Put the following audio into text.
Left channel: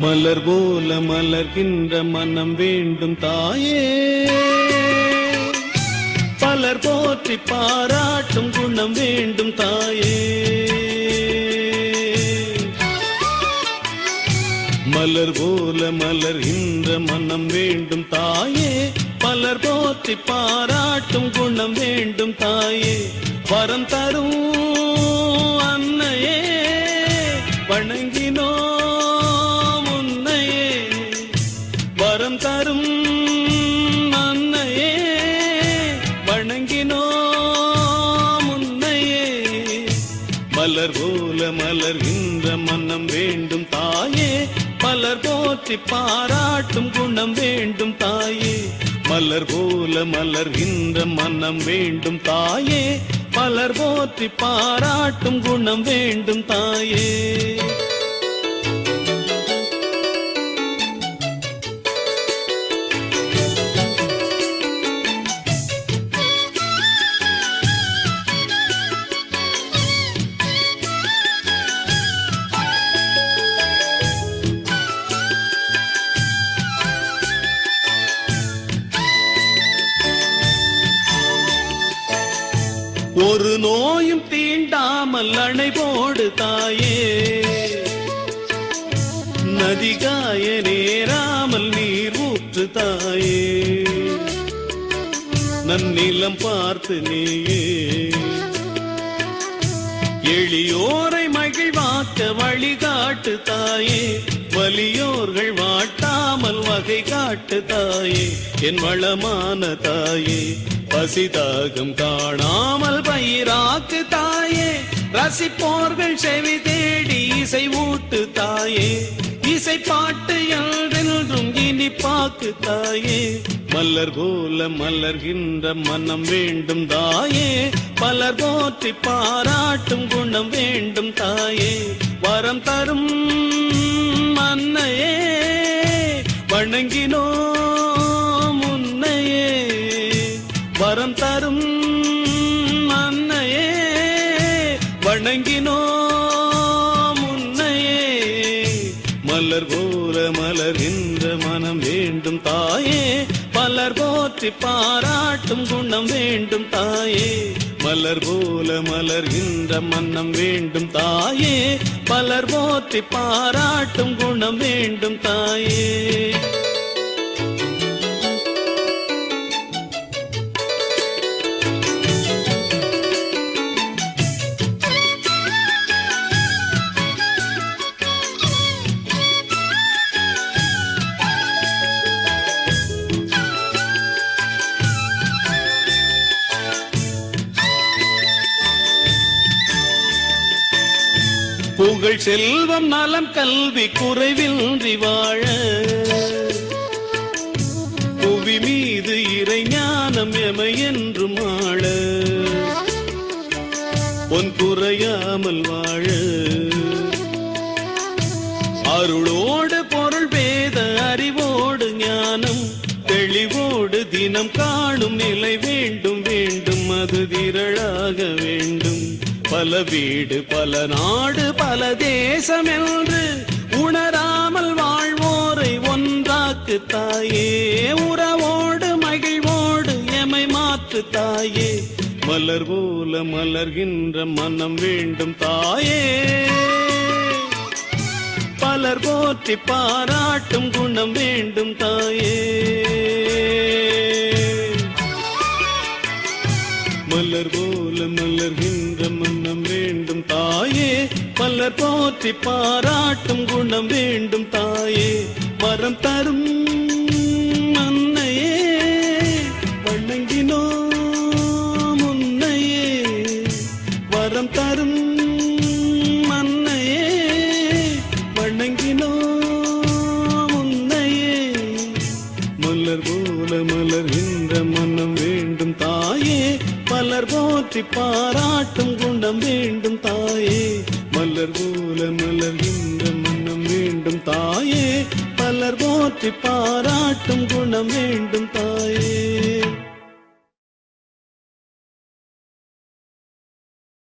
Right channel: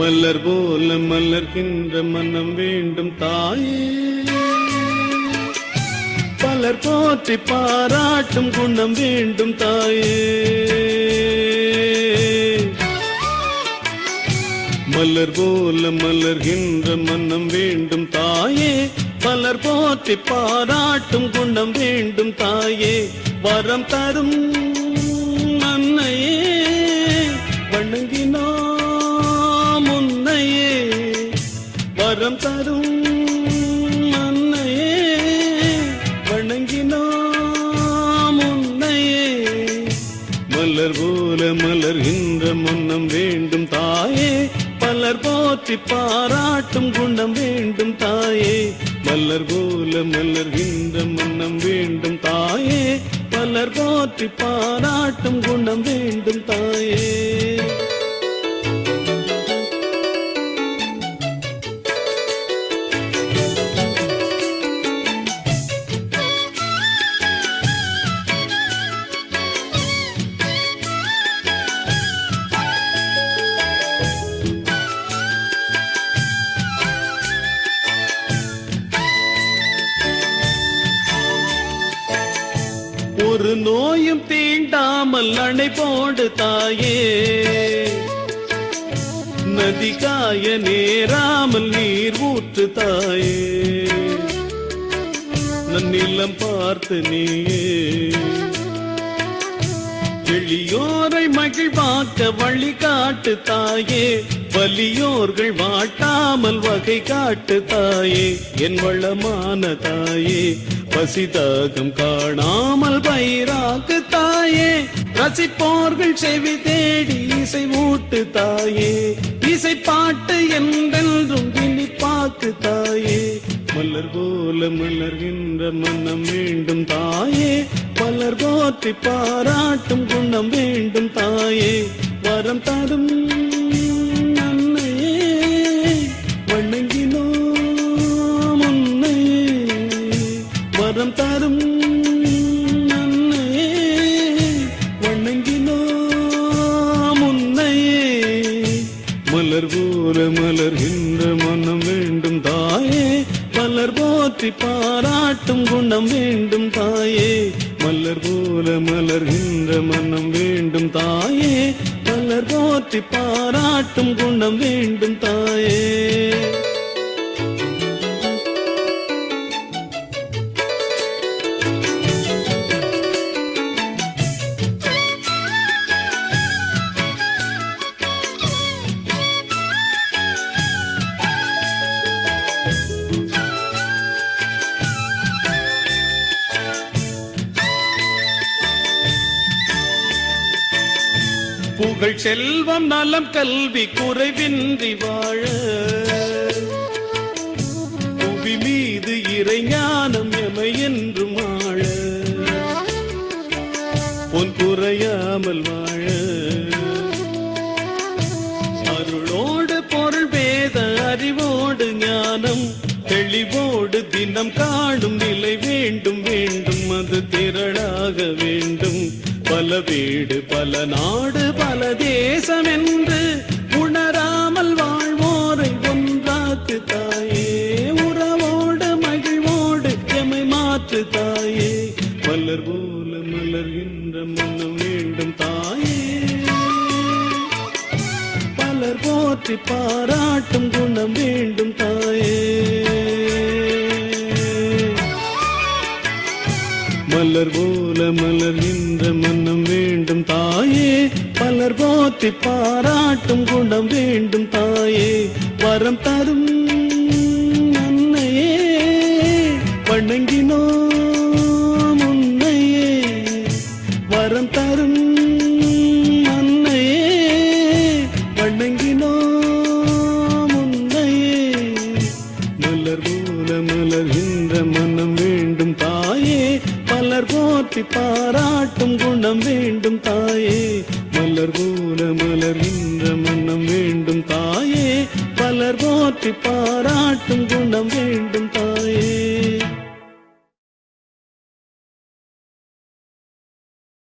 மலர் போல மலர்கின்ற மனம் வேண்டும் தாயே, பலர் போற்றி பாராட்டும் குணம் வேண்டும் தாயே. மலர் போல மலர்கின்ற மனம் வேண்டும் தாயே, மலர் போற்றி பாராட்டும் குணம் வேண்டும் தாயே. வரம் தரும் அன்னையே வணங்கினோம் உன்னையே, வரம் தரும் அன்னையே வணங்கினோம் உன்னையே. மலர் போல மலர்கின்ற மனம் வேண்டும் தாயே, மலர் போற்றி பாராட்டும் குணம் வேண்டும் தாயே. மலர் போல மலர்கின்ற மனம் வேண்டும் தாயே, மலர் போற்றி பாராட்டும் குணம் வேண்டும் தாயே. ஒரு நோயும் தீண்டாமல் அணை போடு தாயே, நதி காய நேராமல் நீர் ஊற்று தாயே. நன்னிலம் பார்த்து நீயே எளியோரை மகிழ்வாக்க வழிகாட்டு தாயே, வலியோர்கள் வாட்டாமல் வகை காட்டு தாயே. என் வளமான தாயே, பசிதாகம் காணாமல் பயிராக்கு தாயே, ரசிப்போர்கள் செவி தேடி இசை ஊட்டு தாயே. இசை பாட்டு என்றென்றும் இனி பாக்கு தாயே. மலர் போல மலர்கின்ற மனம் வேண்டும் தாயே, மலர் போற்றி பாராட்டும் குணம் வேண்டும் தாயே. வரம் தரும் அன்னையே வணங்கினோம் உன்னையே, வரம் தரும் அன்னையே வணங்கினோம் உன்னையே. மலர் போல மலர்கின்ற மனம் வேண்டும் தாயே, மலர் போற்றி பாராட்டும் குணம் வேண்டும் தாயே. மலர் போல மலர்கின்ற மனம் வேண்டும் தாயே, மலர் போற்றி பாராட்டும் குணம் வேண்டும் தாயே. புகழ் செல்வம் நலம் கல்வி குறைவின்றி வாழ, புவி மீது இறை ஞானம் எமை என்றும் ஆழ, பொன் குறையாமல் வாழ. அருளோடு பொருள் வேத அறிவோடு ஞானம் தெளிவோடு தினம் காணும் நிலை வேண்டும் வேண்டும், அது திரளாக வேண்டும். பல வீடு பல நாடு பல தேசம் என்று உணராமல் வாழ்வோரை ஒன்றாக்கு தாயே, உறவோடு மகிழ்வோடு எமை மாற்று தாயே. மலர் போல மலர்கின்ற மனம் வேண்டும் தாயே, மலர் போற்றி பாராட்டும் குணம் வேண்டும் தாயே. மலர் போல மலர்கின்ற மனம் வேண்டும் தாயே, மலர் போற்றி பாராட்டும் குணம் வேண்டும் தாயே. வரம் தரும் அன்னையே வணங்கினோம் உன்னையே, வரம் தரும் அன்னையே வணங்கினோம் உன்னையே. மலர் போல மலர்கின்ற மனம் வேண்டும் தாயே, மலர் போற்றி பாராட்டும் குணம் வேண்டும் தாயே. மலர் போல மலர்கின்ற மனம் வேண்டும் தாயே, மலர் போற்றி பாராட்டும் குணம் வேண்டும் தாயே.